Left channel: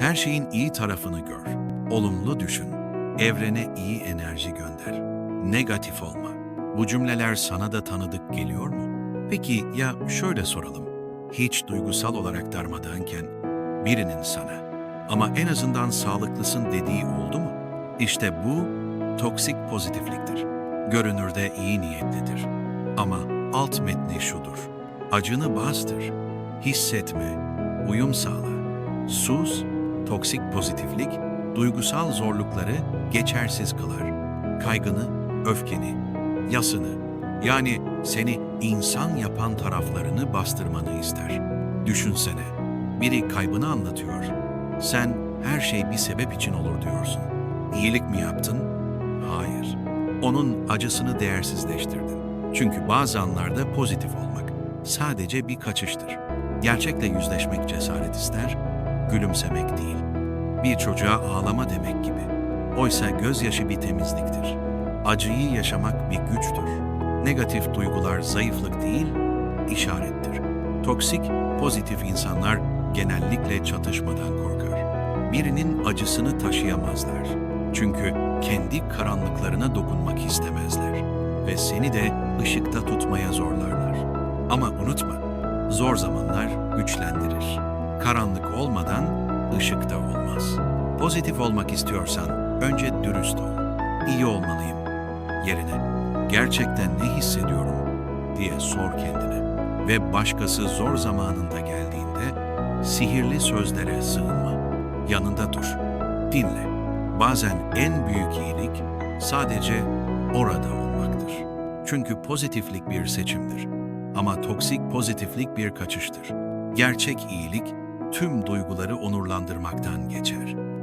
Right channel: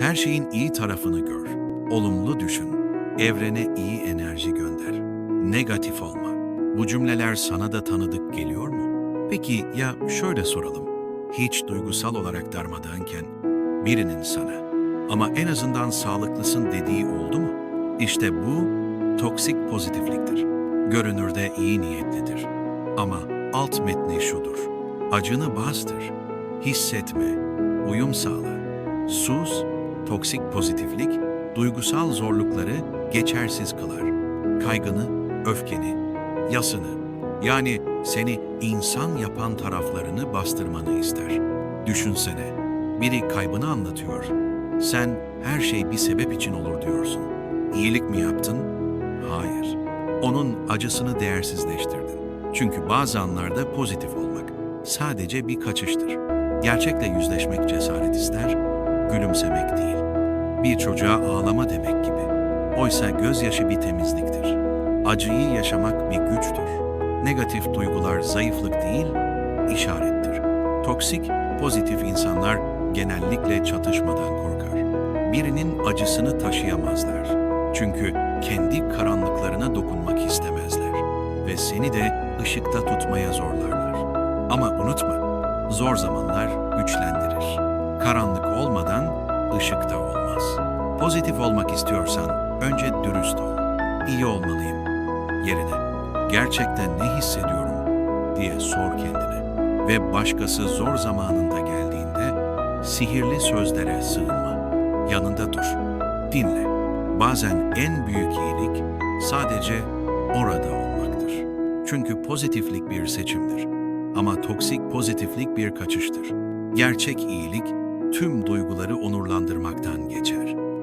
Her şeyin iyi tarafını gör. Olumlu düşün. Evrene iyi enerji gönder. Negatif olma. Bu cümleler sana da tanıdık geliyor mu? Peki ya şöyle soralım. Hiç duygusal olarak darmadağınken birinin sana ama en azından sağlıklısın dediği oldu mu? İşte bu toksik pozitifliktir. Görünürde iyi niyetlidir. Ama alt metni şudur. Acını bastır. Hissetme. Uyum sağla. Sus, toksik pozitiflik, duygusal zorlukları geçersiz kılar. Kaygını, öfkeni, yasını, yani seni insan yapan taraflarını bastırmanı ister. Düşünsene, biri kaybını anlatıyor. Sen her şey bir sebep için olur diyorsun. İyilik mi yaptın? Hayır. Onun acısını değersizleştirdin. Çünkü bazı anlarda pozitif olmak sadece bir kaçıştır. Gerçekle yüzleşmek cesaret ister, gülümsemek değil. Bir çocuğa ağlama demek gibi. Oysa gözyaşı bir temizliktir. Acıyı yaşamak bir güçtür. Negatif duygular zayıflık değil, işarettir. Toksik, pozitif insanlar genellikle çatışmadan korkar. Birinin acısını taşıyamazlar. Çünkü kendi karanlıklarına dokunmak istemezler ve seni de ışıkta tutmaya zorlarlar. Ama unutma, zor zamanlar güçlendirir. Karanlık olmadan ışık da olmaz. Pozitif olmak istiyorsan önce dürüst ol. İyi olmalıyım yerine gerçekten ne hissediyorum diye sor kendine. Ve başkası zor zamanında geldiğinde sihirli sözlere sığınma. Yanında dur. Dinle. Bazen en büyük iyilik sadece orada olmaktır. Çünkü pozitiflik bir seçimdir. Ama toksik pozitiflik bir kaçıştır. Gerçek iyilik tüm duyguları onurlandırmaktan geçer.